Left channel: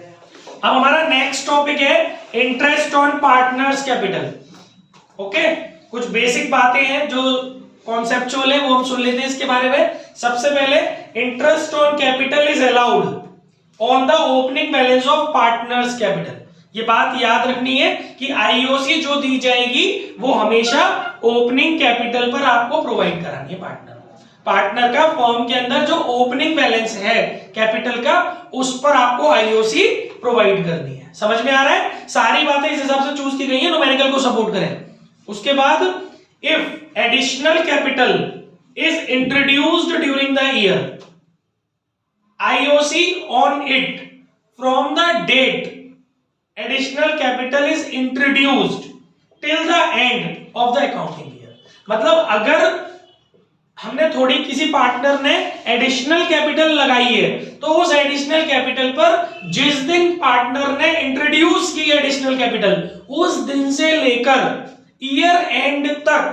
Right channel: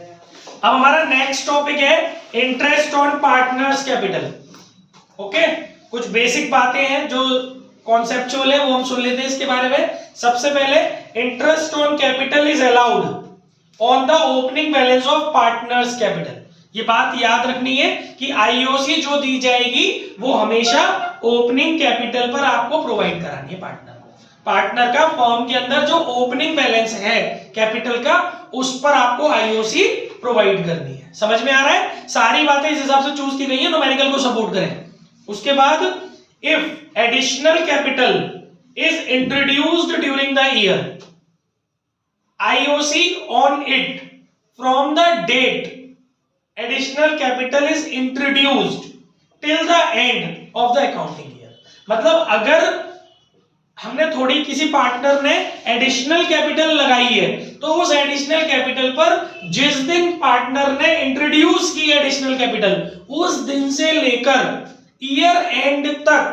अब हमारा next topic है interest on partners capital. Okay, कुछ बेसिक बातें हैं जो कॉन्सेप्चुअल है वो हम सुन लेते हैं इसके बारे में। सबसे पहले, interest on capital is allowed on the opening balance of partners capital. ये बात याद रखनी है कि आईओसी जो दी जाएगी वो हमेशा ओपनिंग कैपिटल पर आपको प्रोवाइड करानी है। पार्टनर का फॉर्म के अंदर जो ओपनिंग बैलेंस है कैपिटल का, उस पर आपको आईओसी प्रोवाइड करनी है। समझ में आ रहा है? सारी बातें इस हिसाब से चूज की गई है न्यूमेरिकल को सपोर्ट करें। उसके बाद, if additional capital is introduced during the year, IOC on it from the date additional capital is introduced till the end of the accounting year. मतलब अगर हमने थोड़ी किसी पार्टनर ने एडिशनल कैपिटल लगाई है तो उस एडिशनल कैपिटल पर जिस दिन पार्टनर ने इंट्रोड्यूस की एडिशनल कैपिटल, उस दिन से लेकर ईयर एंड तक,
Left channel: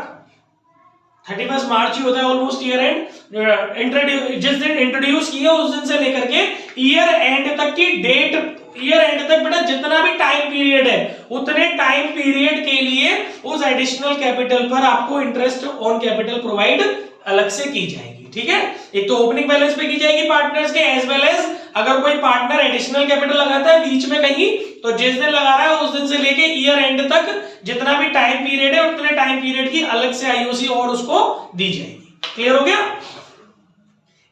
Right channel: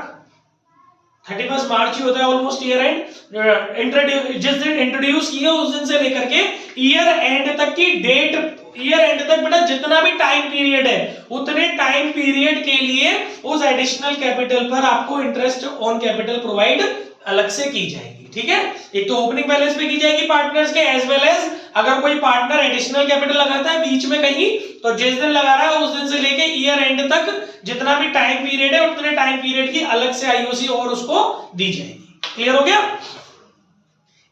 31 मार्च ही होता है ऑलमोस्ट ईयर एंड, जिस दिन इंट्रोड्यूस किया उस दिन से लेकर के ईयर एंड तक की डेट, ईयर एंड तक बेटा जितना भी टाइम पीरियड है उतने टाइम पीरियड के लिए उस एडिशनल कैपिटल पर आपको इंटरेस्ट ऑन कैपिटल प्रोवाइड अलग से की जाएगी। ठीक है, एक तो ओपनिंग बैलेंस पे की जाएगी पार्टनर्स के, एज वेल एज अगर कोई पार्टनर एडिशनल कैपिटल लगाता है बीच में कहीं, तो जिस दिन लगा रहा है उस दिन से लेके ईयर एंड तक जितना भी टाइम पीरियड है उतने टाइम पीरियड की अलग से आईओसी और उसको दी जाएगी। क्लियर हो गया?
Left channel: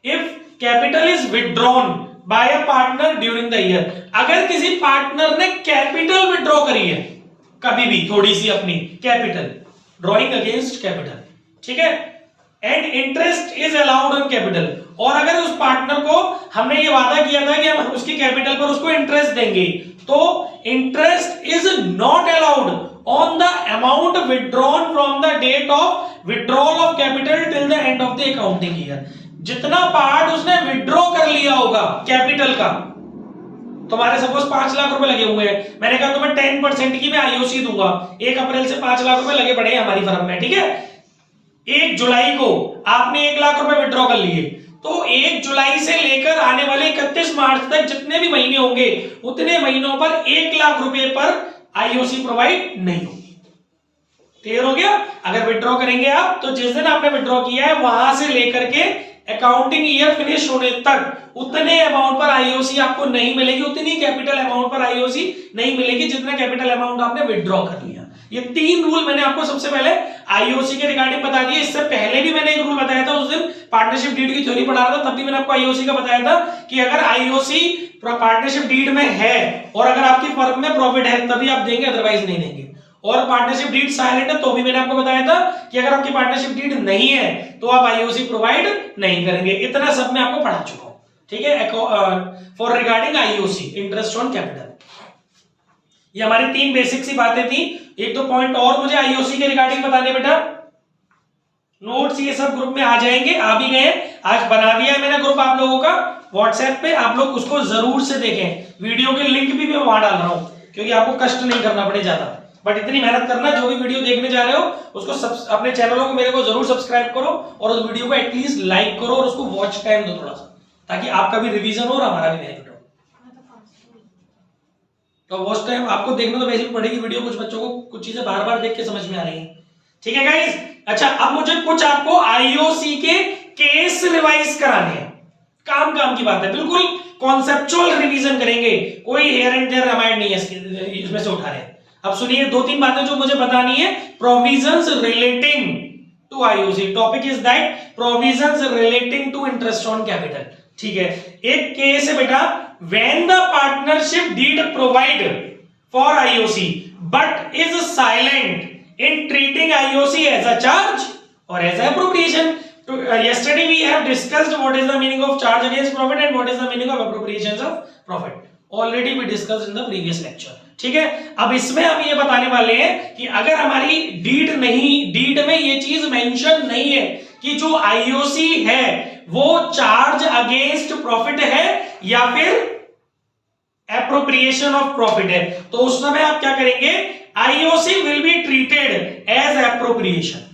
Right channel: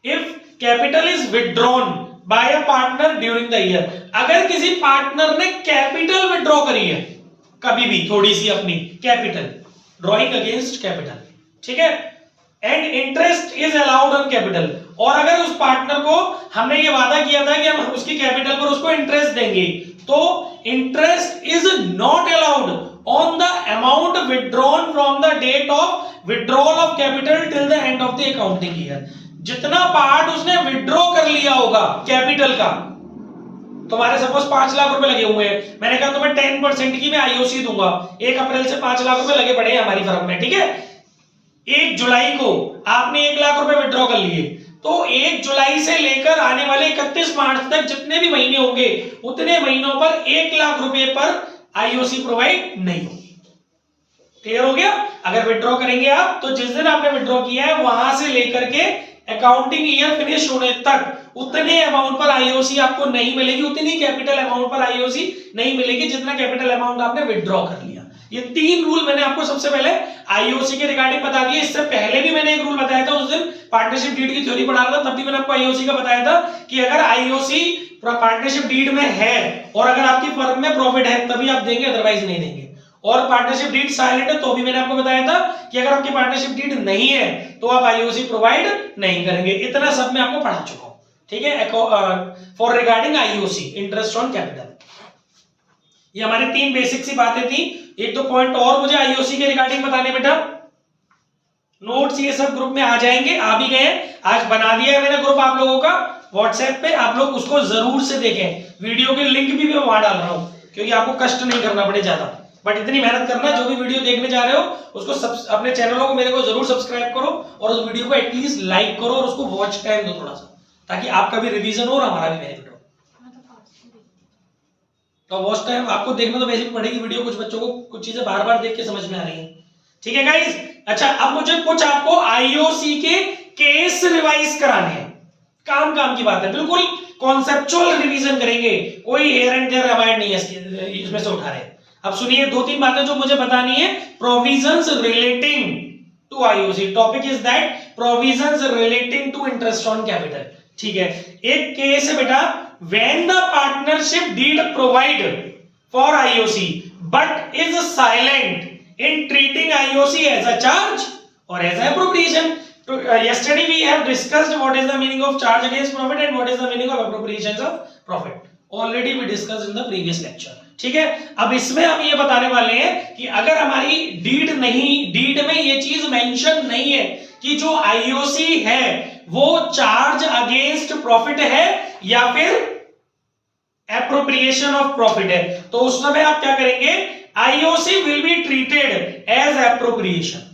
If capital is withdrawn bye a partner during the year, अगर किसी पार्टनर ने कैपिटल विथड्रॉ करी है कभी भी थोड़ी सी अपनी कैपिटल, ड्रॉइंग अगेंस्ट कैपिटल, ठीक है, and interest is allowed on capital, और अगर उस पार्टनर को हमने ये वादा किया था कि हम उसकी कैपिटल पर उसको इंटरेस्ट देंगे, तो interest is not allowed on the amount withdrawn from the date of withdrawal of capital till the end of the accounting year. जितना पार्ट उसने विथड्रॉ कर लिया होगा कैपिटल का, तुम्हारे सपोज 5 लाख रुपए लगे हुए हैं, मैंने कहा तुम्हें 10% की मैं आईओसी दूंगा, 1 अप्रैल से 5 लाख रुपए लगे पड़े हैं हमारी फर्म में, ठीक है। 1 जुलाई को आपने 1 लाख रुपए विड्रॉ कर लिए, तो 1 जुलाई से लेकर आने वाले 31 मार्च तक जितने भी महीने होंगे उतने महीनों पर 1 लाख रुपए पर आईओसी प्रोवाइड नहीं होगी। क्लियर हो गया? अगर विड्रॉ करेंगे आप तो जिस दिन आपने विड्रॉ किया है वहां से लेकर के अकाउंटिंग ईयर फिनिश होने तक उतने अमाउंट पर आईओसी आपको नहीं मिलेगी, उतनी कैपिटल अमाउंट पर आईओसी नहीं मिलेगी जितना कैपिटल अमाउंट आपने विड्रॉ कर लिया। ये 3 रूल मैंने आपको सबसे पहले आईओसी के रिगार्डिंग बता दिए। इससे पहले भी मैंने एक रूल बताया था, उस दिन पार्टनरशिप डीड की थ्योरी पढ़ा रहा था, तब भी मैंने आपको आईओसी का बताया था कि अगर आईओसी पार्टनरशिप डीड में है और अगर आपकी फर्म में प्रॉफिट है तभी आप देंगे, अदरवाइज नहीं देंगे। और पार्टनरशिप डीड साइलेंट है तो भी मैंने आपको बताया था कि अगर आपकी पार्टनरशिप डीड नहीं है तो आप आईओसी प्रोवाइड नहीं करेंगे। इतना सब मैं आपको पढ़ा चुका हूं, ठीक है, for regarding IOC, interest on capital. ये हमारी 3 बेसिक सी बातें थी। एक तो पॉइंट और मुझे आईओसी के रिगार्डिंग बताने बेटा, नोट्स ये सब ग्रुप में आ जाएंगे, आ भी गए, आज बना दिया है मैंने ग्रुप आप लोगों का व्हाट्सएप पे, आप लोग उसको जरूर से देखें। वीडियो के लिंक भी मैं वहां डाल रहा हूं क्योंकि आपको कष्ट नहीं करना पड़े ज्यादा, बट इतनी मेहनत करना, जो भी वीडियो देखने जा रहे हो उसको अपने चैनलों को मेरे को जरूर सब्सक्राइब करो और उस वीडियो को एटलीस्ट लाइक करो और उसको वॉच टाइम दो थोड़ा सा, ताकि आपका भी रिवीजन हो और हमारा भी बेनिफिट हो। तो वॉच टाइम आपको देखना तो वैसे भी पड़ेगी वीडियो, कुछ बच्चों को कुछ चीजें बार बार देख के समझ में आ रही है, ठीक है गाइस। अच्छा, अब मुझे कुछ आपको आईओसी के केस रिवाइज कराने हैं, काम की बात है, बिल्कुल कॉन्सेप्चुअल रिवीजन करेंगे, कोई हेयर एंड देयर रामायण नहीं है इसमें से उठा रहे हैं। अब सुनिए 2-3 बातें जो मुझे बतानी है, provisions relating to IOC. Topic is that provisions relating to interest on capital, ठीक है। एक केस है बेटा, when the partnership deed provide for IOC but is silent in treating IOC as a charge और as a appropriation. Yesterday we have discussed what is the meaning of charge against profit and what is the meaning of appropriations of profit. Already we discussed in the previous lecture. ठीक है, अब इसमें हम ये बताने वाले हैं कि अगर हमारी डीड में ये चीज मेंशन नहीं है कि जो आईओसी है वो चार्ज अगेंस्ट प्रॉफिट है या फिर एप्रोप्रिएशन ऑफ प्रॉफिट है, तो उस समय आप क्या करेंगे, IOC will be treated as appropriation.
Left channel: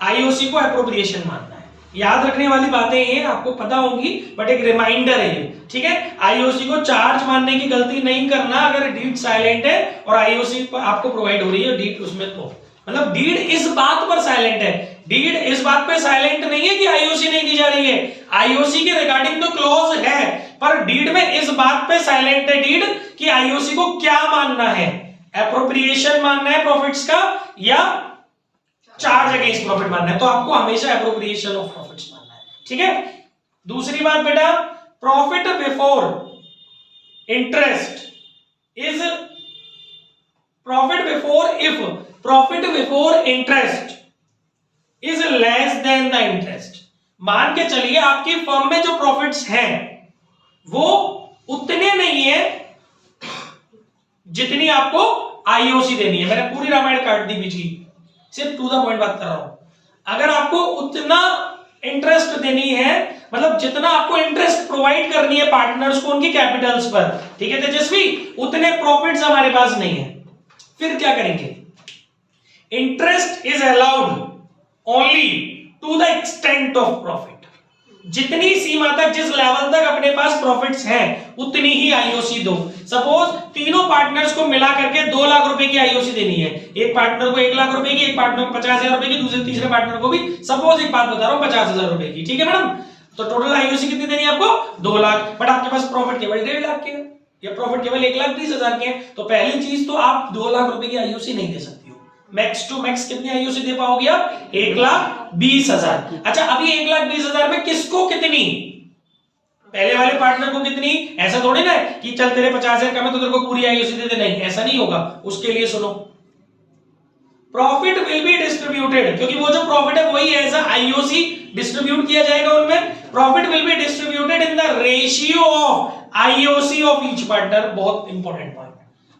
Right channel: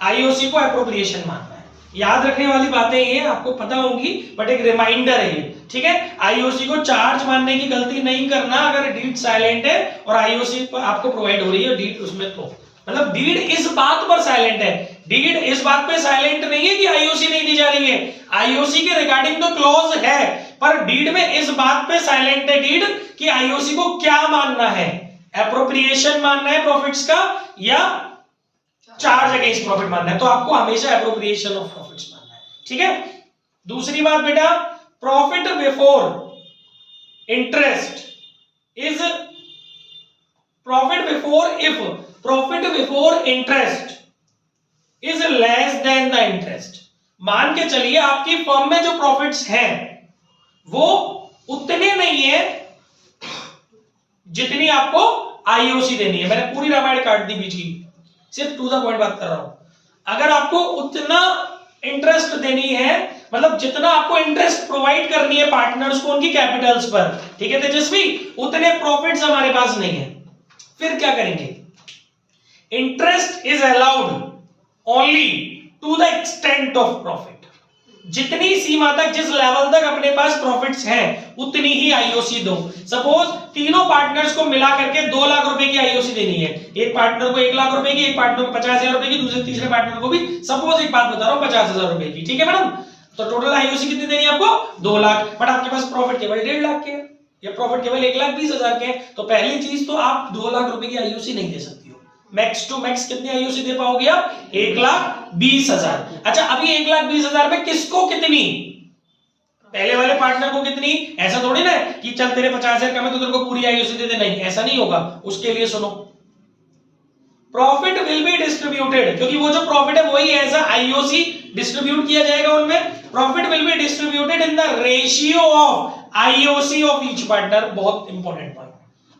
IOC को एप्रोप्रिएशन मानना है, याद रखने वाली बातें ये आपको पता होंगी, बट एक रिमाइंडर है ये, ठीक है। आईओसी को चार्ज मानने की गलती नहीं करना अगर डीड साइलेंट है और आईओसी आपको प्रोवाइड हो रही है डीड उसमें, तो मतलब डीड इस बात पर साइलेंट है, डीड इस बात पे साइलेंट नहीं है कि आईओसी नहीं दी जा रही है, आईओसी के रिगार्डिंग तो क्लॉज है, पर डीड में इस बात पे साइलेंट है डीड कि आईओसी को क्या मानना है, एप्रोप्रिएशन मानना है प्रॉफिट्स का या चार्ज अगेंस्ट प्रॉफिट मानना है, तो आपको हमेशा एप्रोप्रिएशन ऑफ प्रॉफिट्स मानना है, ठीक है। दूसरी बात बेटा, profit before interest is profit before, if profit before interest is less than the interest, मान के चलिए आपकी फर्म में जो प्रॉफिट्स हैं वो उतने नहीं है जितनी आपको आईओसी देनी है, मैंने पूरी रामायण काट दी बीच की, सिर्फ टू द पॉइंट बात कर रहा हूं। अगर आपको उतना इंटरेस्ट देनी है, मतलब जितना आपको इंटरेस्ट प्रोवाइड करनी है पार्टनर्स को उनकी कैपिटल्स पर, ठीक है तेजस्वी, उतने प्रॉफिट्स हमारे पास नहीं है, फिर क्या करेंगे, interest is allowed only to the extent of profit, जितनी सीमा तक, जिस लेवल तक अपने पास प्रॉफिट्स हैं उतनी ही आईओसी दो। सपोज तीनों पार्टनर्स को मिला करके 2 लाख रुपए की आईओसी देनी है, एक पार्टनर को 1 लाख रुपए की, एक पार्टनर को 50,000 रुपए की, दूसरे तीसरे पार्टनर को भी सपोज एक बात बता रहा हूं 50,000 रुपए की, ठीक है मैडम, तो टोटल आईओसी कितनी देनी है आपको 2 लाख, बट आपके पास प्रॉफिट केवल 1.5 लाख के हैं या प्रॉफिट केवल 1,20,000 के हैं, तो पहली चीज तो आप 2 लाख रुपए की आईओसी नहीं दे सकती हो, मैक्स टू मैक्स कितनी आईओसी दे पाओगे आप 1,20,000। अच्छा अभी 1,20,000 में किसको कितनी, पहले वाले पार्टनर को कितनी, ऐसा थोड़ी ना है कि चल तेरे 50,000 कम है तो तेरे को पूरी आईओसी दे दे, नहीं ऐसा नहीं होगा, उसके लिए सुनो, प्रॉफिट विल बी डिस्ट्रीब्यूटेड, क्योंकि वो जो प्रॉफिट है वही एज आईओसी डिस्ट्रीब्यूट किया जाएगा उनमें, profit will be distributed in the ratio of IOC of each partner, बहुत इंपॉर्टेंट पॉइंट।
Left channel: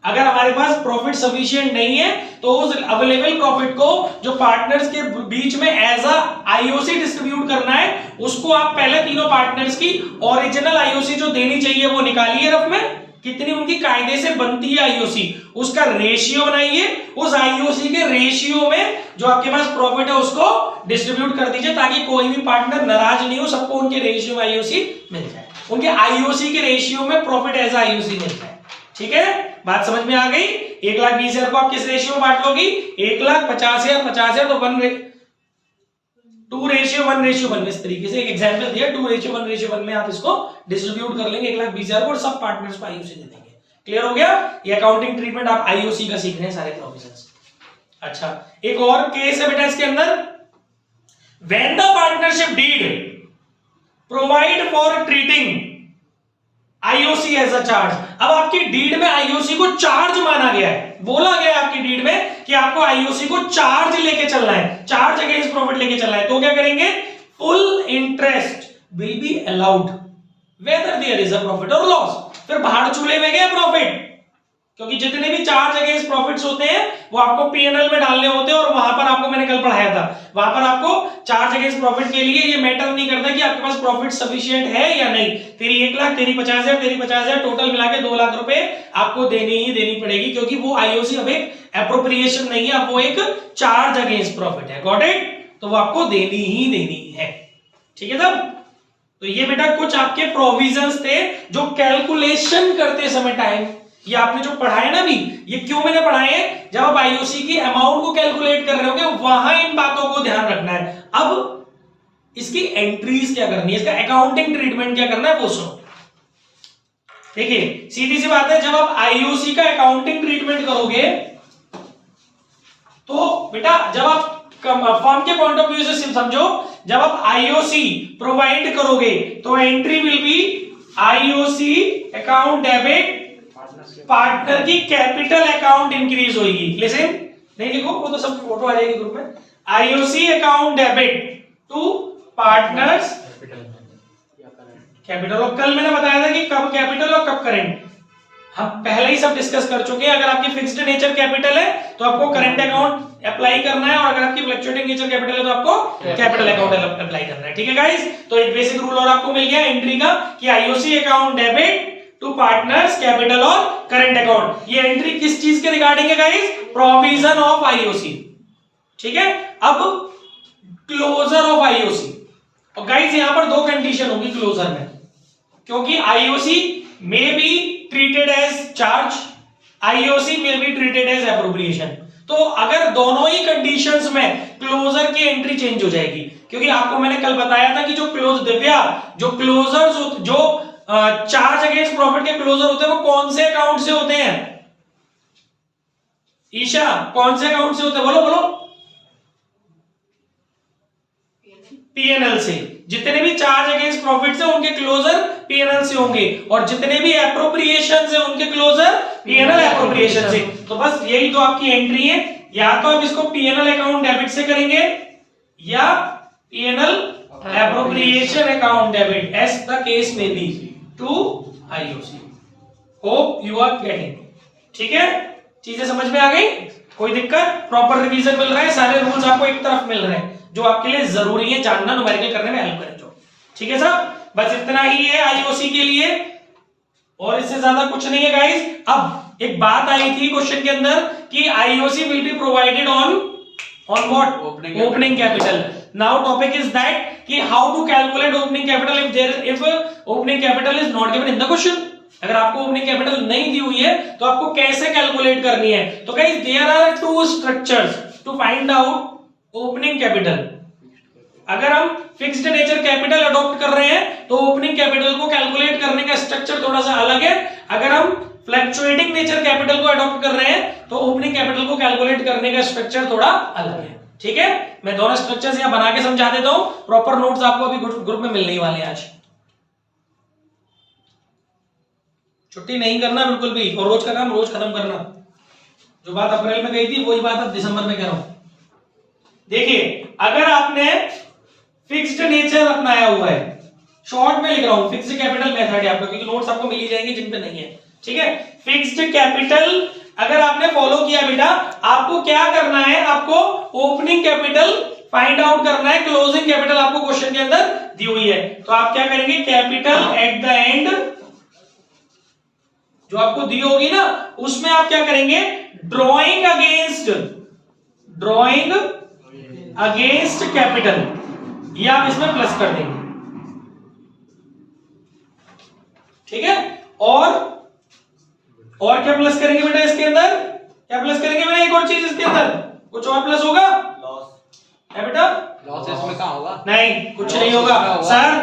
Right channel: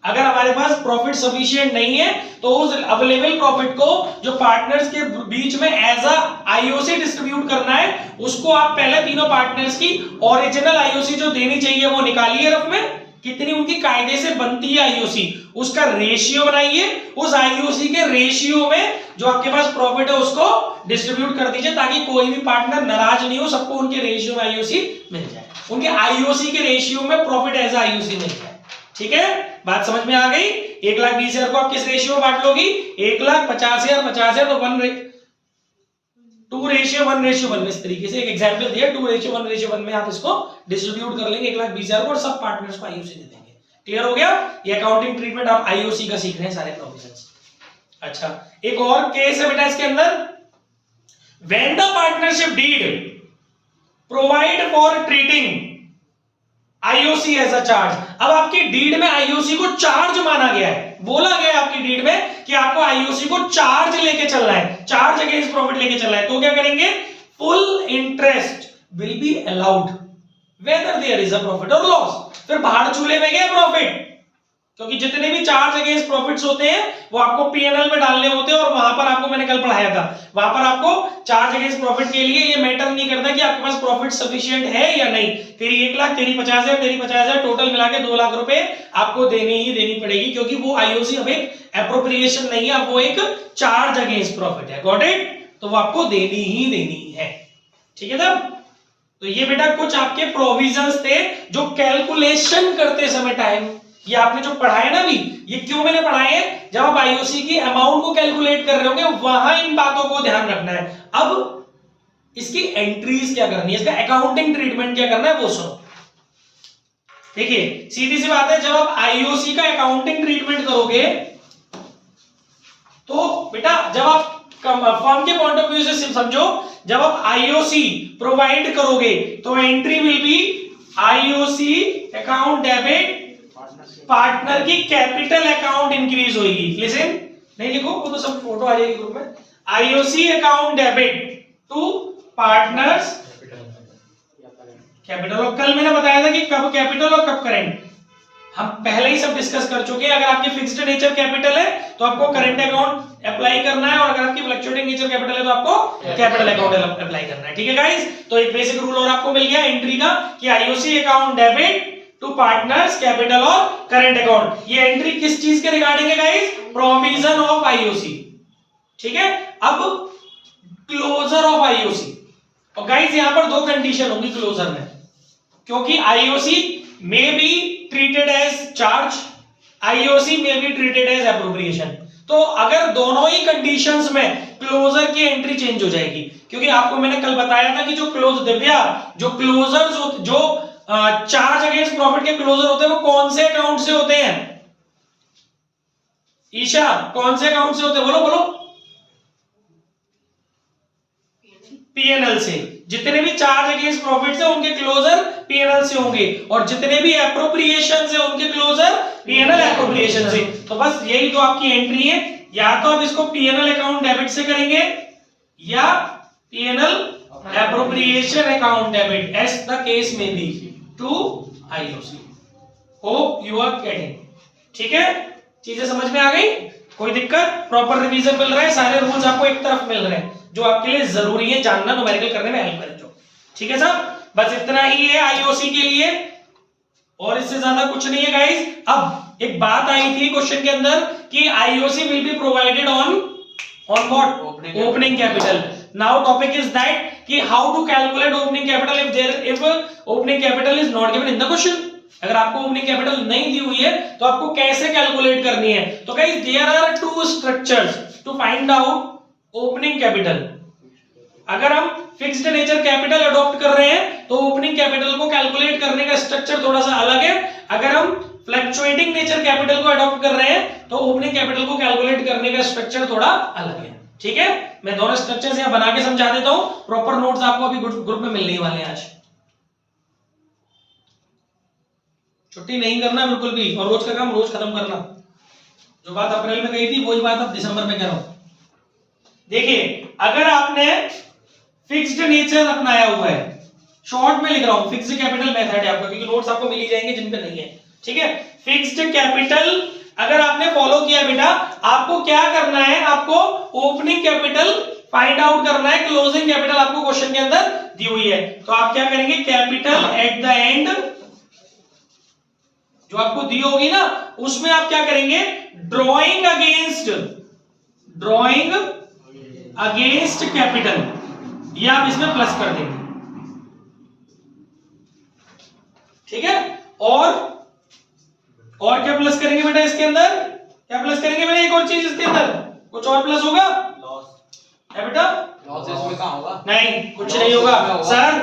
अगर हमारे पास प्रॉफिट सफिशिएंट नहीं है तो उस अवेलेबल प्रॉफिट को जो पार्टनर्स के बीच में एज आईओसी डिस्ट्रीब्यूट करना है, उसको आप पहले तीनों पार्टनर्स की ओरिजिनल आईओसी जो देनी चाहिए वो निकालिए रफ में, कितनी उनकी कायदे से बनती है आईओसी, उसका रेशियो बनाइए, उस आईओसी के रेशियो में जो आपके पास प्रॉफिट है उसको डिस्ट्रीब्यूट कर दीजिए, ताकि कोई भी पार्टनर नाराज नहीं हो, सबको उनके रेशियो में आईओसी मिल जाए, उनके आईओसी के रेशियो में प्रॉफिट एज आईओसी मिल जाए, ठीक है, बात समझ में आ गई। 1,20,000 को आप किस रेशियो में बांट लोगी, 1,50,000 50,000 तो 2:1:1 इस तरीके से एक एग्जांपल दिया, 2:1:1 में आप इसको डिस्ट्रीब्यूट कर लेंगे 1,20,000 को और सब पार्टनर्स को आईओसी दे देंगे। क्लियर हो गया, ये अकाउंटिंग ट्रीटमेंट आप आईओसी का सीख रहे हैं सारे प्रोविजंस। अच्छा एक और केस है बेटा इसके अंदर, when the partnership deed provide for treating IOC as a charge, अब आपकी डीड में आईओसी को चार्ज माना गया है, बोला गया है आपकी डीड में कि आपको आईओसी को चार्ज लेके चलना है, चार्ज अगेंस्ट प्रॉफिट लेके चलना है, तो क्या करेंगे, full interest will be allowed whether there is a profit और लॉस, फिर बाहर चूल्हे में गया प्रॉफिट, क्योंकि जितने भी चार्ज अगेंस्ट प्रॉफिट्स होते हैं वो आपको पीएनएल में डालने होते हैं, और वहां पर आपको मैंने कल पढ़ाया था, वहां पर आपको चार्ज अगेंस्ट प्रॉफिट के लिए ये मैटर नहीं करता कि आपके पास प्रॉफिट सफिशिएंट है या नहीं, तेरी 1 लाख, तेरी 50,000, तेरी 50,000, टोटल मिला के 2 लाख रुपए आपको देनी ही देनी पड़ेगी, क्योंकि वो आईओसी अब एक एप्रोप्रिएशन नहीं है, अब वो एक चार्ज अगेंस्ट प्रॉफिट है, गॉट इट, तो वो आपको देनी ही देनी है, ठीक है तब। तो ये बेटा कुछ आपके प्रोविजंस थे जो कैलकुलेशन करते समय टाइम, ये आपने जो पढ़ाया ना भी, ये क्यों मैंने पढ़ाए हैं, जब आप आईओसी की अमाउंट को कैलकुलेट कर रहे होंगे वहां इन बातों को ध्यान रखना है। अब इसकी एंट्रीज क्या करनी है, इसका अकाउंटिंग ट्रीटमेंट क्या करना है वो सुनो। देखिए सीधी सी बात है, जब आप आईओसी का अकाउंटिंग ट्रीटमेंट करोगे तो बेटा जब आप फर्म के पॉइंट ऑफ व्यू से समझो, जब आप आईओसी प्रोवाइड करोगे तो entry will be IOC account debit, partner की कैपिटल अकाउंट इंक्रीज होगी, लिसन, नहीं लिखो वो तो सब फोटो आ जाएगी ग्रुप में, IOC account debit to partners capital, और कल मैंने बताया था कि कब कैपिटल और कब करेंट, हम पहले ही सब डिस्कस कर चुके हैं। अगर आपकी फिक्स्ड नेचर कैपिटल है तो आपको करंट अकाउंट अप्लाई करना है, और अगर आपकी फ्लक्चुएटिंग नेचर कैपिटल है तो आपको कैपिटल अकाउंट अप्लाई करना है, ठीक है गाइस। तो एक बेसिक रूल और आपको मिल गया एंट्री का कि IOC account debit to partners capital और करंट अकाउंट, ये एंट्री किस चीज के रिगार्डिंग है गाइस, प्रोविजन ऑफ आईओसी, ठीक है। अब क्लोजर ऑफ आईओसी, और गाइस यहां पर दो कंडीशन होंगी क्लोजर में, क्योंकि आईओसी में be treated as charge, IOC में बी ट्रीटेड एज एप्रोप्रिएशन। तो अगर दोनों ही कंडीशंस में क्लोजर की एंट्री चेंज हो जाएगी, क्योंकि आपको मैंने कल बताया था कि जो क्लोज दिव्या जो क्लोजर्स जो चार्ज अगेंस्ट प्रॉफिट के क्लोजर होते हैं वो कौन से अकाउंट से होते हैं? ईशा कौन से अकाउंट से होते हैं? बोलो बोलो। पीएनएल से। जितने भी चार्ज अगेंस्ट प्रॉफिट है उनके क्लोजर पीएनएल से होंगे, और जितने भी एप्रोप्रिएशन है उनके क्लोजर पीएनएल एप्रोप्रिएशन से। तो बस यही तो आपकी एंट्री है, या तो आप इसको पीएनएल अकाउंट डेबिट से करेंगे या PNL appropriation account debit, as the case में be to IOC. Hope you are getting. ठीक है, चीजें समझ में आ गई? कोई दिक्कत? प्रॉपर रिवीजन मिल रहा है, सारे रूल्स आपको एक तरफ मिल रहे हैं जो आपके लिए जरूरी है जानना, न्यूमेरिकल करने में हेल्प करे जो। ठीक है साहब, बस इतना ही है आईओसी के लिए, और इससे ज्यादा कुछ नहीं है गाइस। अब एक बात आई थी क्वेश्चन के अंदर कि IOC will be provided on what? Opening capital. Now topic is that कि how to calculate opening capital if opening capital is not given in the question. अगर आपको ओपनिंग कैपिटल नहीं दी हुई है तो आपको कैसे कैलकुलेट करनी है? तो guys there are two structures to find out opening capital. अगर हम फिक्स्ड नेचर कैपिटल अडॉप्ट कर रहे हैं तो ओपनिंग कैपिटल को कैलकुलेट करने का स्ट्रक्चर थोड़ा सा अलग है। अगर हम फ्लक्चुएटिंग नेचर कैपिटल को अडॉप्ट कर रहे हैं तो ओपनिंग कैपिटल को कैलकुलेट करने का स्ट्रक्चर थोड़ा अलग है। ठीक है, मैं दोनों स्ट्रक्चर्स यहां बना के समझा देता हूं, प्रॉपर नोट्स आपको अभी ग्रुप में मिलने वाले हैं। आज छुट्टी नहीं करना बिल्कुल भी, और रोज का काम रोज खत्म करना। जो बात अप्रैल में गई थी वही बात अब दिसंबर में कर रहा हूं। देखिए, अगर आपने फिक्स्ड नेचर अपनाया हुआ है, शॉर्ट में लिख रहा हूं, फिक्स्ड कैपिटल मेथड है आपको, क्योंकि नोट्स आपको मिल ही जाएंगे जिन पे नहीं है। ठीक है, फिक्स्ड कैपिटल अगर आपने फॉलो किया बेटा, आपको क्या करना है? आपको ओपनिंग कैपिटल फाइंड आउट करना है, क्लोजिंग कैपिटल आपको क्वेश्चन के अंदर दी हुई है। तो आप क्या करेंगे? कैपिटल एट द एंड जो आपको दी होगी ना, उसमें आप क्या करेंगे? ड्रॉइंग अगेंस्ट कैपिटल, ये आप इसमें प्लस कर देंगे। ठीक है, और क्या प्लस करेंगे बेटा इसके अंदर? क्या प्लस करेंगे बेटा? एक और चीज इसके अंदर कुछ और प्लस होगा? लॉस है बेटा? लॉस इसमें कहां होगा? नहीं, कुछ नहीं होगा सर।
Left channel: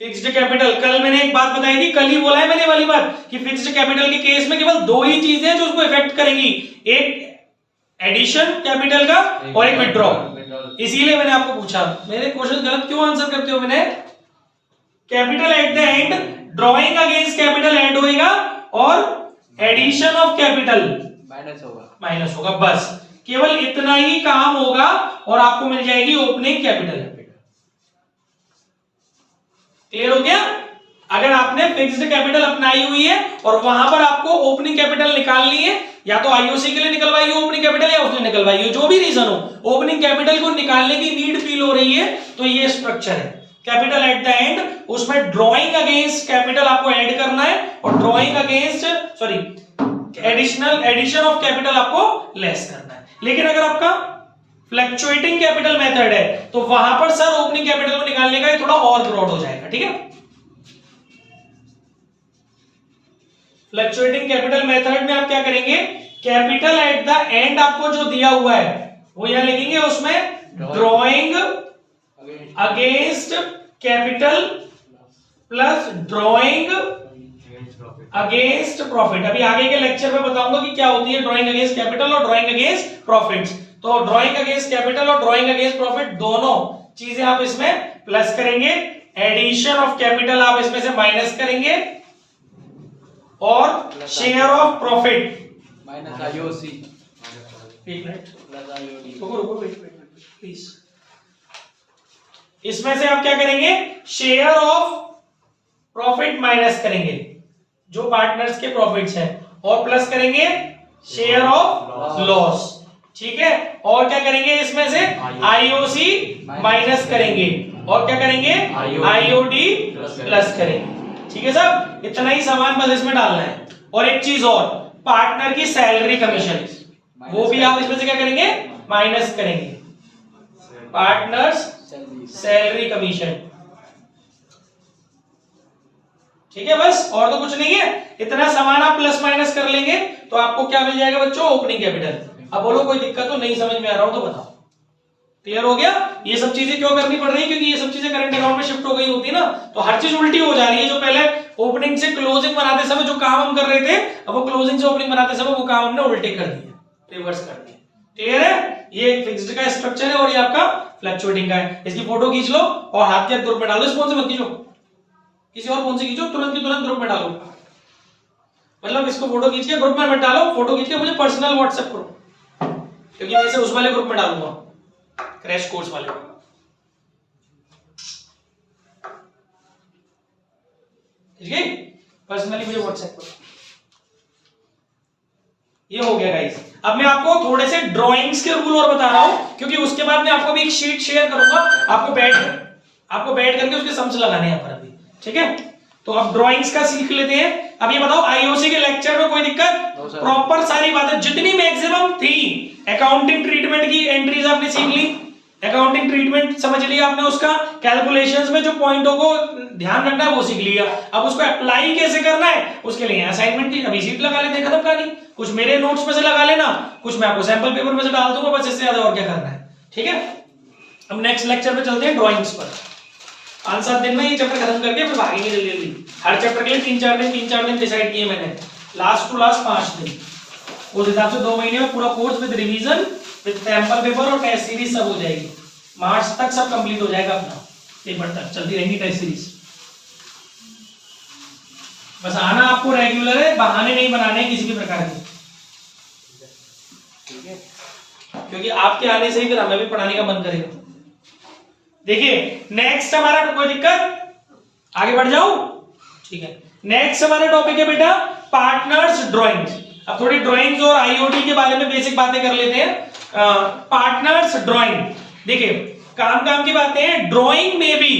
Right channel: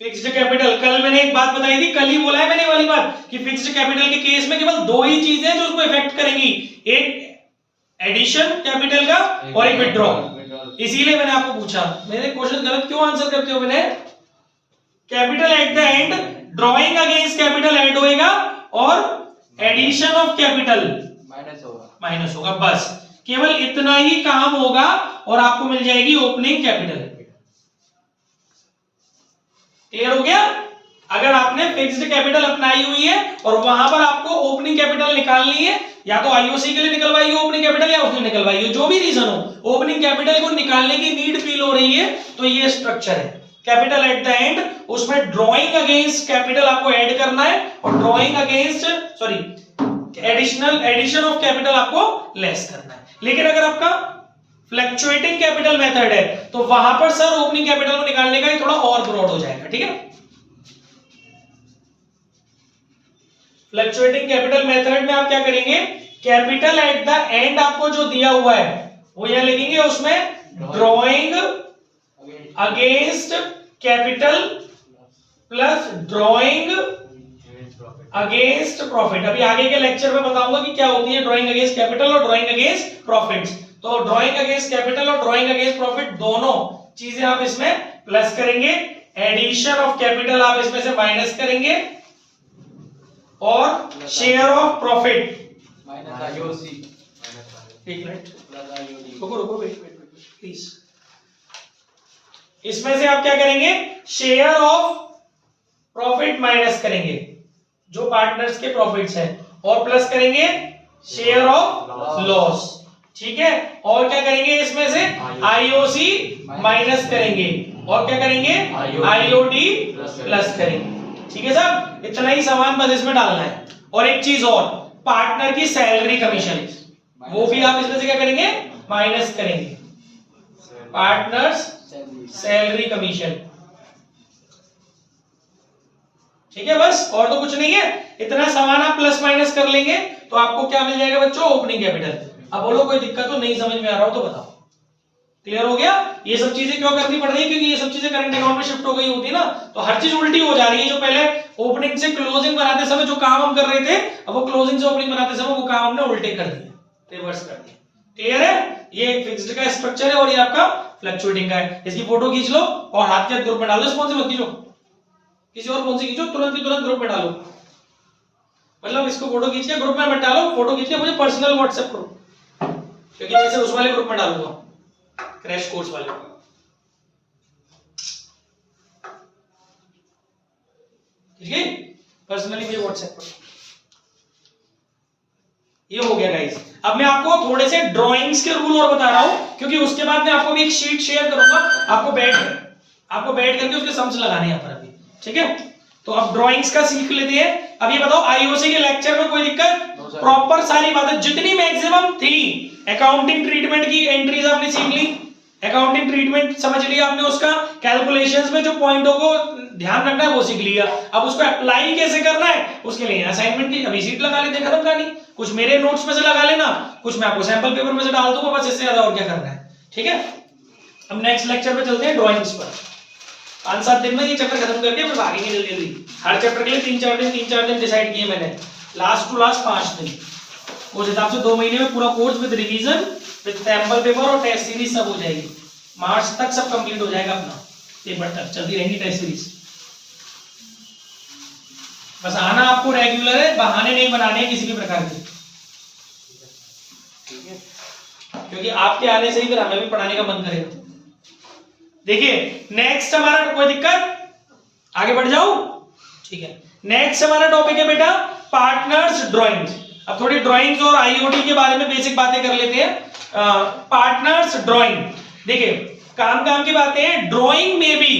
फिक्स्ड कैपिटल, कल मैंने एक बात बताई थी, कल ही बोला है मैंने वाली बात कि फिक्स्ड कैपिटल के केस में केवल दो ही चीजें हैं जो उसको इफेक्ट करेंगी, एक एडिशन कैपिटल का और एक विथड्रॉ। इसीलिए मैंने आपको पूछा, मेरे क्वेश्चन गलत क्यों आंसर करते हो? मैंने capital at the and, drawing against capital add होएगा और एडिशन ऑफ कैपिटल माइनस होगा। बस केवल इतना ही काम होगा और आपको मिल जाएगी ओपनिंग कैपिटल। क्लियर हो गया? अगर आपने फिक्स्ड कैपिटल अपनाई हुई है और वहां पर आपको ओपनिंग कैपिटल निकालनी है, या तो आईओसी के लिए निकलवाई हो ओपनिंग कैपिटल या उसने निकलवाई हो, जो भी रीजन हो, ओपनिंग कैपिटल को निकालने की नीड फील हो रही है, तो ये स्ट्रक्चर है कैपिटल एट द एंड। उसमें ड्रॉइंग अगेंस्ट कैपिटल आपको ऐड करना है और drawing against addition of capital आपको लेस करना है। लेकिन अगर आपका फ्लक्चुएटिंग कैपिटल मेथड है तो वहां पर सर ओपनिंग कैपिटल को निकालने का थोड़ा और ब्रॉड हो जाएगा। ठीक है, फ्लक्चुएटिंग कैपिटल मेथड में आप क्या करेंगे? कैपिटल एट द एंड आपको जो दिया हुआ है वो यहां लिखेंगे, उसमें drawing against capital plus drawing against profit. अभी आगे के लेक्चर में बताऊंगा कि क्या होती है ड्रॉइंग अगेंस्ट कैपिटल और ड्रॉइंग अगेंस्ट प्रॉफिट्स। तो ड्रॉइंग अगेंस्ट कैपिटल और ड्रॉइंग अगेंस्ट प्रॉफिट दोनों चीजें आप इसमें प्लस करेंगे, एडिशन ऑफ कैपिटल आप इसमें से माइनस करेंगे, और share of profit minus IOC. एक मिनट रुको वेट प्लीज। इसमें से आप क्या करेंगे? शेयर ऑफ प्रॉफिट माइनस करेंगे जो पार्टनर्स के प्रॉफिट्स हैं, और प्लस करेंगे शेयर ऑफ लॉस। ठीक है, और क्या करेंगे? इसमें से आईओसी माइनस करेंगे, और क्या करेंगे? आईओडी प्लस करेंगे। ठीक है साहब, इतना ही सामान बस इसमें डालना है। और एक चीज और, पार्टनर की सैलरी कमीशन वो भी आप इसमें से क्या करेंगे? माइनस करेंगे। Partners salary commission. ठीक है बस, और तो कुछ नहीं है। इतना सामान आप प्लस माइनस कर लेंगे तो आपको क्या मिल जाएगा बच्चों, ओपनिंग कैपिटल। अब बोलो कोई दिक्कत तो नहीं समझ में आ रहा हो तो बताओ। क्लियर हो गया? ये सब चीजें क्यों करनी पड़ रही है? क्योंकि ये सब चीजें करंट अकाउंट में शिफ्ट हो गई होती है ना, तो हर चीज उल्टी हो जा रही है। जो पहले ओपनिंग से क्लोजिंग बनाते समय जो काम हम कर रहे थे, अब वो क्लोजिंग से ओपनिंग बनाते समय वो काम हमने उल्टे कर दिए, रिवर्स कर दिए। क्लियर है? ये एक फिक्स्ड का स्ट्रक्चर है और ये आपका फ्लक्चुएटिंग का है। इसकी फोटो खींच लो और हाथ के ग्रुप में डालो। इस फोन से मत खींचो, किसी और फोन से खींचो, तुरंत की तुरंत ग्रुप में डालो। मतलब इसको फोटो खींच के ग्रुप में मत डालो, फोटो खींच के मुझे पर्सनल व्हाट्सएप करो, क्योंकि मैं इसे उस वाले ग्रुप में डालूंगा, क्रैश कोर्स वाले। ठीक है, पर्सनली मुझे व्हाट्सएप करो। ये हो गया गाइस। अब मैं आपको थोड़े से ड्राइंग्स के रूल और बता रहा हूं, क्योंकि उसके बाद मैं आपको भी एक शीट शेयर करूंगा, आपको बैठ करके उसके सम्स लगाने हैं यहाँ पर अभी। ठीक है, तो अब ड्राइंग्स का सीख लेते हैं। अब ये बताओ, आईओसी के लेक्चर में कोई दिक्कत? प्रॉपर सारी बातें जितनी मैक्सिमम थी, अकाउंटिंग ट्रीटमेंट की एंट्रीज आपने सीख ली, अकाउंटिंग ट्रीटमेंट समझ लिया आपने, उसका कैलकुलेशंस में जो पॉइंटों को ध्यान रखना है वो सीख लिया। अब उसको अप्लाई कैसे करना है उसके लिए असाइनमेंट की अभी शीट लगा लेते हैं, खत्म कहानी। कुछ मेरे नोट्स में से लगा लेना, कुछ मैं आपको सैंपल पेपर में से डाल दूंगा, बस इससे ज्यादा और क्या करना है। ठीक है, अब नेक्स्ट लेक्चर पे चलते हैं ड्राइंग्स पर। 5-7 दिन में ये चैप्टर खत्म करके फिर भागेंगे जल्दी जल्दी। हर चैप्टर के लिए 3-4 दिन डिसाइड किए मैंने, लास्ट टू लास्ट 5 दिन। उस हिसाब से 2 महीने में पूरा course with revision, with sample paper और टेस्ट सीरीज सब हो जाएगी। मार्च तक सब कंप्लीट हो जाएगा अपना, पेपर तक चलती रहेंगी टेस्ट सीरीज। बस आना आपको रेगुलर है, बहाने नहीं बनाने किसी भी प्रकार के, क्योंकि आपके आने से ही फिर हमें भी पढ़ाने का मन करेगा। देखिए नेक्स्ट हमारा, कोई दिक्कत? आगे बढ़ जाऊं? ठीक है, नेक्स्ट हमारा टॉपिक है बेटा पार्टनर्स ड्राइंग्स। अब थोड़ी ड्राइंग्स और आईओटी के बारे में बेसिक बातें कर लेते हैं। पार्टनर्स ड्राइंग, देखिए काम की बातें हैं। ड्राइंग में भी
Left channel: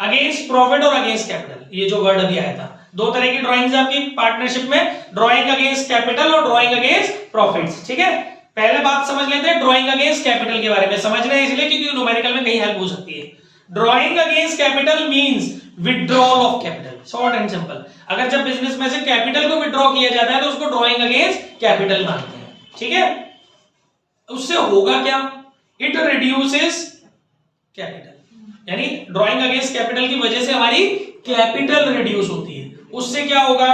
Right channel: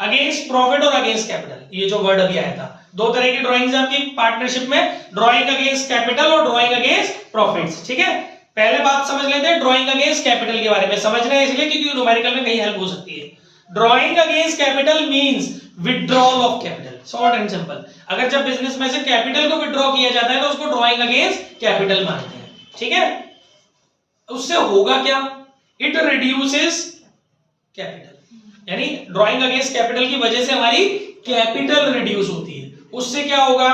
अगेंस्ट प्रॉफिट और अगेंस्ट कैपिटल, ये जो वर्ड अभी आया था, 2 तरह की ड्राइंग्स आपकी पार्टनरशिप में, ड्राइंग अगेंस्ट कैपिटल और ड्राइंग अगेंस्ट प्रॉफिट्स। ठीक है, पहले बात समझ लेते हैं ड्राइंग अगेंस्ट कैपिटल के बारे में। समझना है इसलिए क्योंकि न्यूमेरिकल में कहीं हेल्प हो सकती है। Drawing against capital means withdrawal of capital, short and simple. अगर जब बिजनेस में से कैपिटल को विथड्रॉ किया जाता है तो उसको ड्राइंग अगेंस्ट कैपिटल मानते हैं। ठीक है, उससे होगा क्या? इट रिड्यूसेस कैपिटल, यानी ड्राइंग अगेंस्ट कैपिटल की वजह से हमारी कैपिटल रिड्यूस होती है। उससे क्या होगा?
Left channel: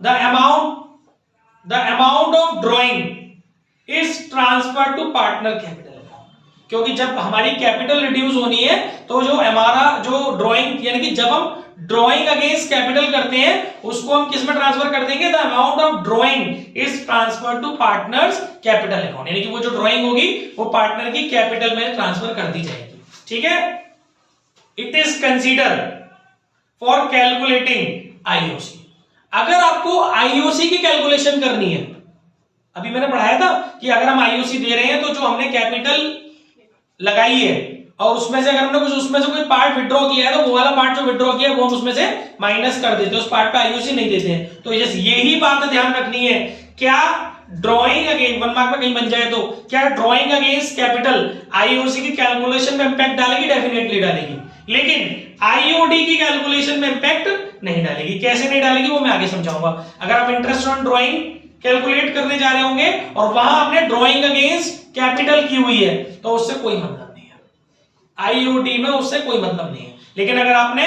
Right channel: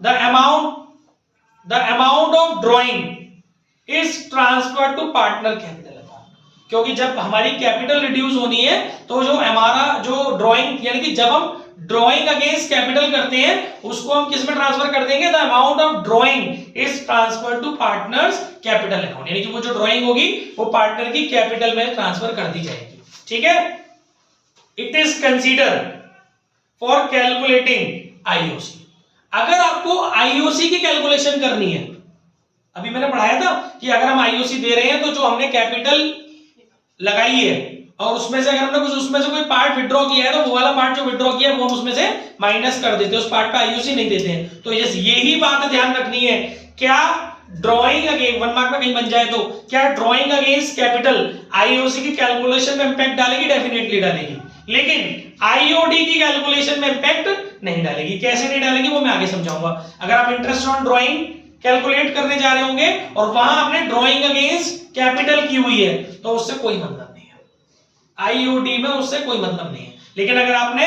The amount of drawing is transfer to partner capital account, क्योंकि जब हमारी कैपिटल रिड्यूस होनी है तो जो हमारा जो ड्राइंग, यानी कि जब हम ड्राइंग अगेंस्ट कैपिटल करते हैं उसको हम किस में ट्रांसफर कर देंगे? The amount of drawing is transfer to partners capital account, यानी कि वो जो ड्राइंग होगी वो पार्टनर की कैपिटल में ट्रांसफर कर दी जाएगी। ठीक है, it is consider for calculating IOC. अगर आपको आईओसी की कैलकुलेशन करनी है, अभी मैंने पढ़ाया था कि अगर हम आईओसी दे रहे हैं तो जो हमने कैपिटल लगाई है और उसमें से अगर हमने कुछ उसमें से कोई पार्ट विड्रॉ किया है तो वो वाला पार्ट जो विड्रॉ किया है वो हम उसमें से माइनस कर देते हैं, उस पार्ट पे आईओसी नहीं देते हैं। तो यही बात ध्यान रखनी है। क्या ड्राइंग अगेंस्ट 1 मार्क में कहीं बन जाए तो क्या ड्राइंग अगेंस्ट कैपिटल आईओसी की कैलकुलेशन में इंपैक्ट डालेगी? डेफिनेटली डालेगी, लेकिन आईओडी की कैलकुलेशन में इंपैक्ट नहीं डालेगी। कैसे नहीं डालेगी वो मैं आगे समझाऊंगा। अगर आप इंटरेस्ट ऑन ड्राइंग कैलकुलेट करने जा रहे होंगे और वहां आपने ड्राइंग अगेंस्ट कैपिटल की हुई है तो उससे कोई मतलब नहीं है, आईओडी में उससे कोई मतलब नहीं है। लेकिन अगर आपने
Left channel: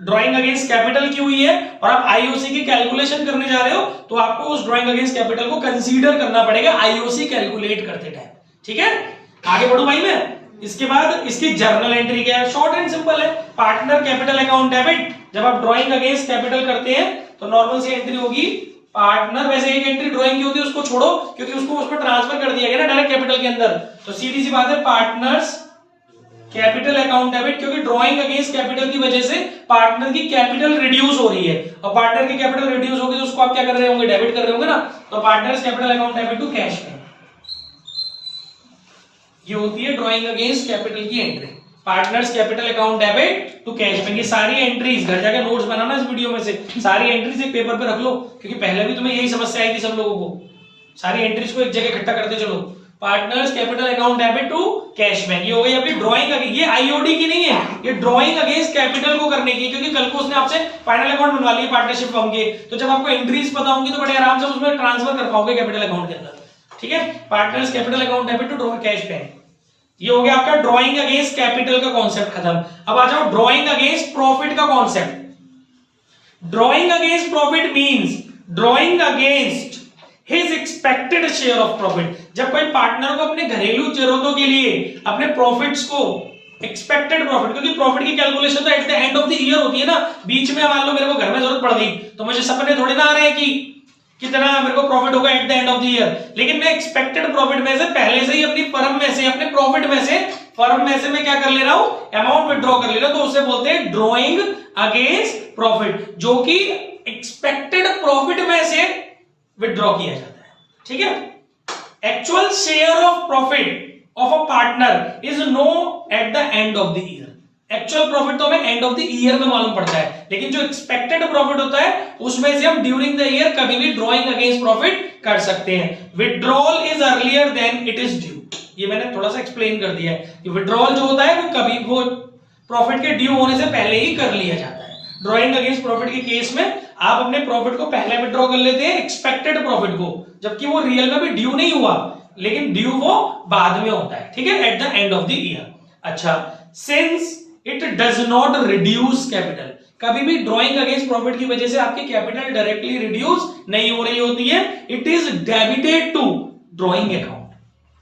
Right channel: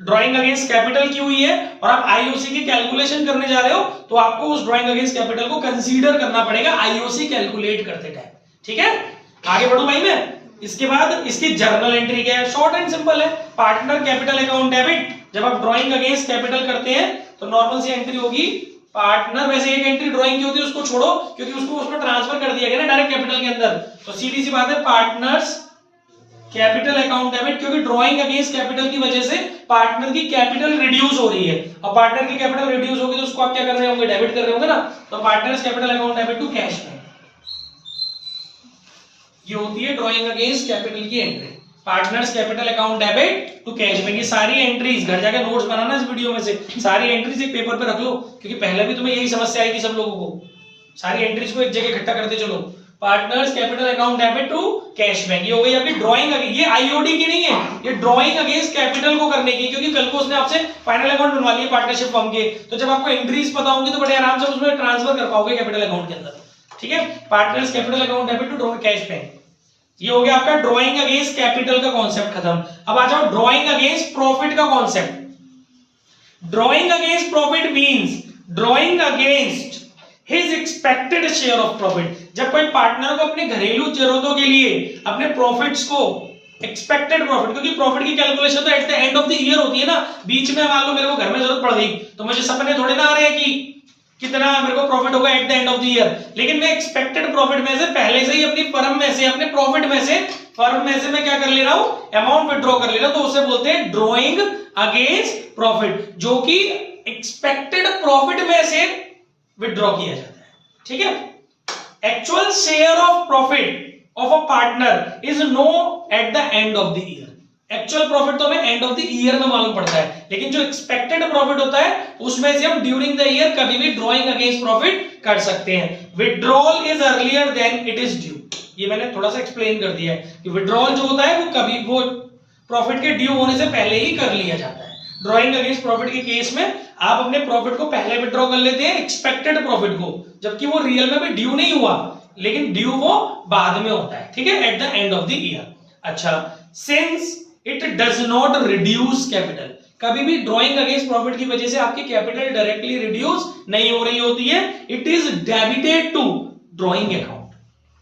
ड्राइंग अगेंस्ट कैपिटल की हुई है और आप आईओसी की कैलकुलेशन करने जा रहे हो तो आपको उस ड्राइंग अगेंस्ट कैपिटल को कंसीडर करना पड़ेगा आईओसी कैलकुलेट करते टाइम। ठीक है, आगे बढ़ू भाई मैं। इसके बाद इसकी जर्नल एंट्री क्या है? शॉर्ट एंड सिंपल है, पार्टनर कैपिटल अकाउंट डेबिट। जब आप ड्राइंग अगेंस्ट कैपिटल करते हैं तो नॉर्मल सी एंट्री होगी पार्टनर। वैसे एक एंट्री ड्राइंग की होती है, उसको छोड़ो क्योंकि उसको उसमें ट्रांसफर कर दिया गया ना डायरेक्ट कैपिटल के अंदर, तो सीधी सी बात है पार्टनर्स कैपिटल अकाउंट डेबिट, क्योंकि ड्राइंग अगेंस्ट कैपिटल की वजह से पार्टनर की कैपिटल रिड्यूस हो रही है। और पार्टनर की कैपिटल रिड्यूस होगी तो उसको आप क्या कर रहे होंगे? डेबिट कर रहे होंगे ना। तो partners capital account debit to cash में, ये होती है ड्राइंग अगेंस्ट कैपिटल की entry. Partners capital account debit to cash में। ये सारी एंट्रीज घर जाकर नोट्स बनाना इस वीडियो में से, सारी एंट्रीज एक पेपर पे रख लो, क्योंकि पहले भी तुम्हें यही समस्या आई थी सब लोगों को। सारी एंट्रीज को एक जगह इकट्ठा करते चलो, partners capital account debit to cash bank. ये हो गई आपकी ड्राइंग। ये आईओडी की नहीं है, ये ड्राइंग अगेंस्ट कैपिटल को करने की, क्योंकि कल को उसने आपसे फाइनल अकाउंट बनवा लिया पार्टनरशिप फर्म के, तो जब आपको एंट्रीज पता होंगी तो बड़े आराम से उसमें ट्रांसफर कर पाओगे कैपिटल अकाउंट के अंदर। ठीक है, partners capital account debit to draw cash bank. ये हो गया आपका ड्राइंग अगेंस्ट कैपिटल का कॉन्सेप्ट खत्म। अब आ जाओ ड्राइंग अगेंस्ट प्रॉफिट का concept. Drawing against profit means drawing against his expected share of profit. जब कोई पार्टनर को अपने घरेलू जरूरतों के लिए अपने प्रॉफिट्स को एक्सपेक्टेड प्रॉफिट, क्योंकि प्रॉफिट की कैलकुलेशन तो eight the end of the year होती है ना, बीच में मान लो मेरे को घर में जरूरत पड़ गई तो मुझे सपने थोड़े ना आ रहे हैं कि कितना मेरे को प्रॉफिट होगा eight the end of the year, लेकिन मैं एक्सपेक्टेड प्रॉफिट में से पहले से ही अपनी फर्म में से, अपने प्रॉफिट में से, फर्म में से मैं क्या कर ले रहा हूं, अमाउंट विड्रॉ कर ले रहा हूं, तो उसे बोलते हैं ड्रॉइंग अगेंस्ट प्रॉफिट, जो कि एक्सपेक्टेड प्रॉफिट में से विड्रॉ किया जाता है। ठीक है, actual share of profit of a partner is no at the end of the year. Actual profit तो हमें एंड ऑफ द ईयर में मालूम पड़ता है, लेकिन जो एक्सपेक्टेड प्रॉफिट होता है उसमें से हम ड्यूरिंग द ईयर कभी भी ड्रॉइंग अगेंस्ट प्रॉफिट कर सकते हैं। Withdrawal is earlier than it is due. ये मैंने थोड़ा सा एक्सप्लेन कर दिया है कि विड्रॉल जो होता है वो कभी वो प्रॉफिट के ड्यू होने से पहले ही कर लिया जाता है। ड्रॉइंग अगेंस्ट प्रॉफिट के केस में आप अपने प्रॉफिट को पहले विड्रॉ कर लेते हैं, एक्सपेक्टेड प्रॉफिट को, जबकि वो रियल में भी ड्यू नहीं हुआ, लेकिन ड्यू वो बाद में होता है। ठीक है, at the end of the year. अच्छा, since it does not reduce capital, कभी भी ड्रॉइंग अगेंस्ट प्रॉफिट की वजह से आपकी कैपिटल डायरेक्टली रिड्यूस नहीं हो रही होती है, it is debited to drawing account,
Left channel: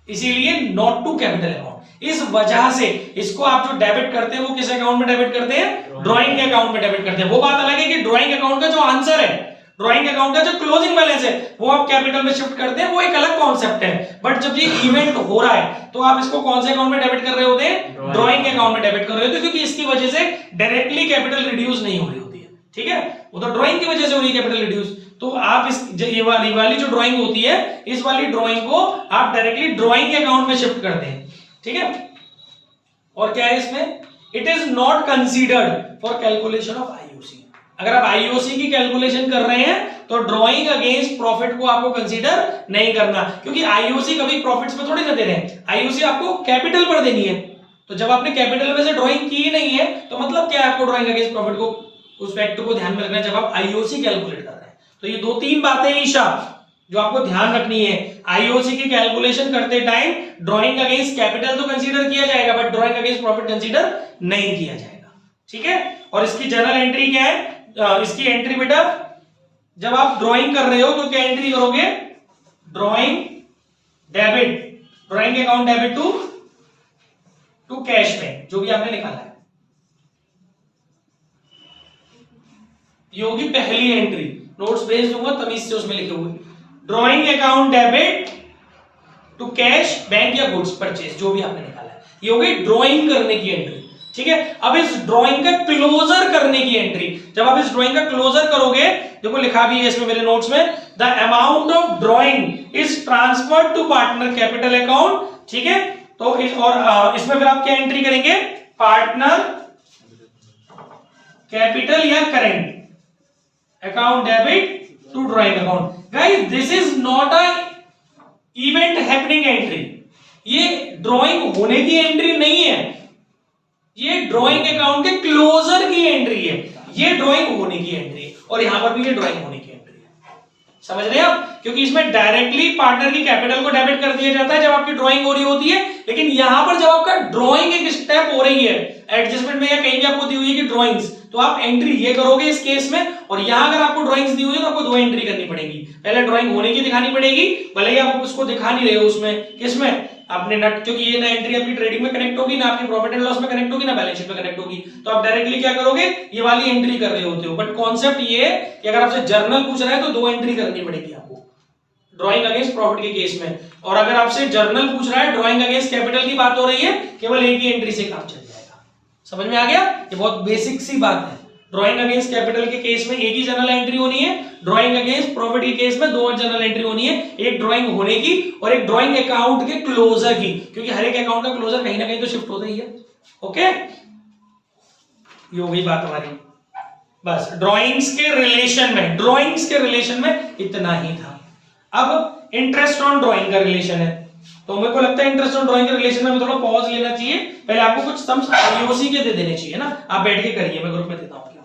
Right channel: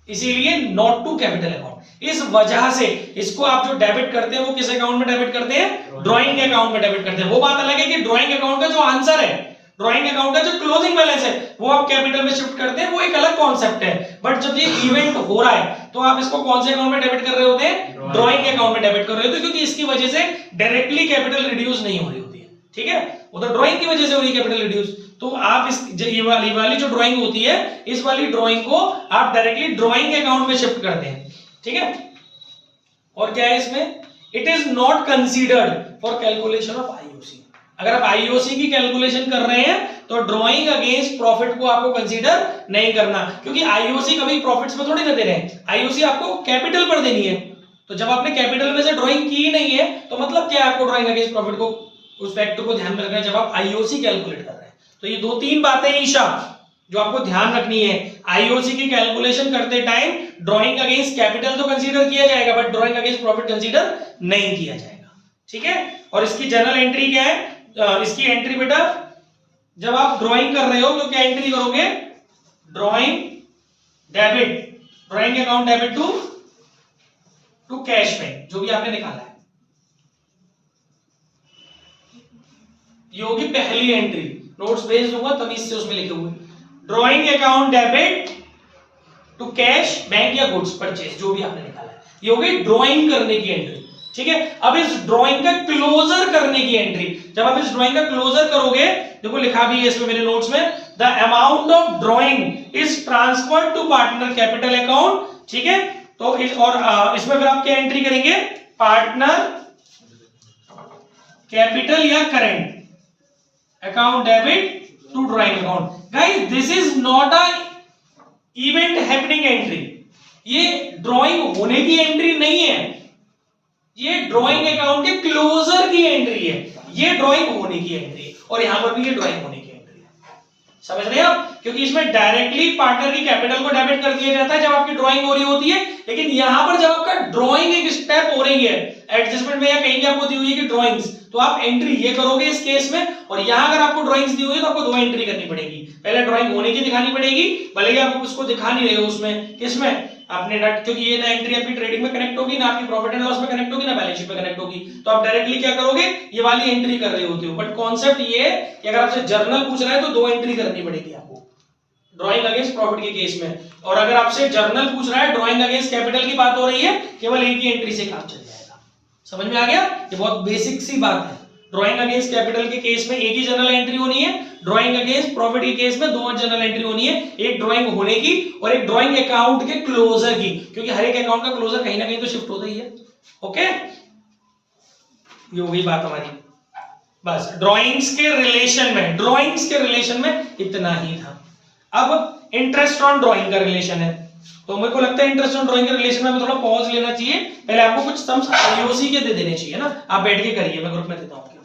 इसीलिए नॉट टू कैपिटल अकाउंट। इस वजह से इसको आप जो डेबिट करते हैं वो किस अकाउंट में डेबिट करते हैं, ड्रॉइंग अकाउंट में डेबिट करते हैं। वो बात अलग है कि ड्रॉइंग अकाउंट का जो आंसर है, ड्रॉइंग अकाउंट का जो क्लोजिंग बैलेंस है वो आप कैपिटल में शिफ्ट करते हैं, वो एक अलग कॉन्सेप्ट है। बट जब ये इवेंट हो रहा है तो आप इसको कौन से अकाउंट में डेबिट कर रहे होते हैं, ड्रॉइंग अकाउंट में डेबिट कर रहे होते हैं, क्योंकि इसकी वजह से डायरेक्टली कैपिटल रिड्यूस नहीं हो रही होती है। ठीक है, वो तो ड्रॉइंग की वजह से हो रही है कैपिटल रिड्यूस, तो आप इस ये वाली जो ड्रॉइंग होती है, इस वाली ड्रॉइंग को आप डायरेक्टली ड्रॉइंग अकाउंट में शिफ्ट करते हैं। ठीक है, और क्या है इसमें, it is not considered for calculation of IOC. अगर आप आईओसी की कैलकुलेशन कर रहे हैं तो ड्रॉइंग अगेंस्ट प्रॉफिट को आपको कंसीडर नहीं करना, क्योंकि आईओसी कभी प्रॉफिट्स में थोड़ी ना दे रहे हैं, आईओसी आपको कैपिटल पर देनी है। तो जब आपने कैपिटल में से ड्रॉइंग की नहीं है तो मतलब क्या है, आपको ड्रॉइंग अगेंस्ट प्रॉफिट को, उस फैक्टर को ध्यान में रखना है जब आप आईओसी कैलकुलेट कर रहे हैं। तो ये 2-3 बातें ईशा जो आपको ध्यान रखनी है। आईओसी की कैलकुलेशन करते टाइम ड्रॉइंग अगेंस्ट कैपिटल तो कंसीडर किया जाएगा, but drawing against profit consider नहीं किया जाएगा। ठीक है, और इसकी जनरल एंट्री क्या है, इसकी एंट्री बेटा जब आप ड्राइंग कर रहे हो तो क्या एंट्री करोगे, drawing debit, drawing account debit to cash bank, जो भी आपने निकाला है, ये होगी पहली एंट्री। नोट्स भेज दूंगा तभी से उसमें लिखे हुए, drawing account debit to cash bank या गुड्स परचेज, जो भी आपने निकाला है, ये होगी ड्राइंग करने की एंट्री। ठीक है, अब इस ड्राइंग का क्लोजर करने की एंट्री, जब आप इस ड्राइंग का क्लोजर करोगे, देखो लिखा भी है इसमें मेरे नोट्स में, the amount of drawing is transferred to partner capital account. ठीक है, तो इसमें फिर आप क्या एंट्री करेंगे, पार्टनर कैपिटल या current account debit to drawing account. Guys this is not a event happening entry, ये ड्राइंग होने की एंट्री नहीं है, ये ड्राइंग अकाउंट के क्लोजर की एंट्री है, ये ड्राइंग होने की एंट्री है, और यहां पर भी ये ड्राइंग होने की एंट्री है। समझ रहे हैं आप, क्योंकि इसमें डायरेक्टली पार्टनर की कैपिटल को डेबिट कर दिया जाता है जब आपकी ड्राइंग हो रही होती है, लेकिन यहां पर जब आपका ड्राइंग एक स्टेप हो रही है एडजस्टमेंट में, या कहीं भी आपको दी हुई है कि ड्राइंग्स, तो आप एंट्री ये करोगे इस केस में, और यहां अगर आपको ड्राइंग्स दी हुई है तो आपको 2 एंट्री करनी पड़ेगी। पहले ड्राइंग होने की दिखानी पड़ेगी, भले ही आप उसको दिखा नहीं रहे हो उसमें, किसमें, आपने नट, क्योंकि ये ना एंट्री आपकी ट्रेडिंग में कनेक्ट होगी, ना आपकी प्रॉफिट एंड लॉस में कनेक्ट होगी, ना बैलेंस शीट में कनेक्ट होगी, तो आप डायरेक्टली क्या करोगे, ये वाली एंट्री कर रहे होते हो। बट कॉन्सेप्ट ये है कि अगर आपसे जर्नल पूछ रहा है तो 2 एंट्री करनी पड़ेगी आपको ड्राइंग अगेंस्ट प्रॉफिट के केस में, और अगर आपसे जर्नल पूछ रहा है, ड्राइंग अगेंस्ट कैपिटल की बात हो रही है, केवल एक ही एंट्री से काम चल जाएगा। समझ में आ गया, ये बहुत बेसिक सी बात है। ड्राइंग अगेंस्ट कैपिटल के केस में एक ही जनरल एंट्री होनी है, ड्राइंग अगेंस्ट प्रॉफिट के केस में 2 जनरल एंट्री होनी है, एक ड्राइंग होने की और एक ड्राइंग अकाउंट के क्लोजर की, क्योंकि हर एक अकाउंट का क्लोजर कहीं ना कहीं तो शिफ्ट होता ही है। ओके, ये हो गई बात हमारी। बस ड्राइंग्स के रिलेशन में इतना ही था। अब इंटरेस्ट ऑन ड्राइंग का रिलेशन है, तो मेरे को लगता है इंटरेस्ट ऑन ड्राइंग के रिलेशन में हमें थोड़ा पॉज लेना चाहिए, पहले आपको कुछ सम्स आईओसी के दे देने चाहिए ना, आप बैठ के करिए, मैं ग्रुप में देता हूँ।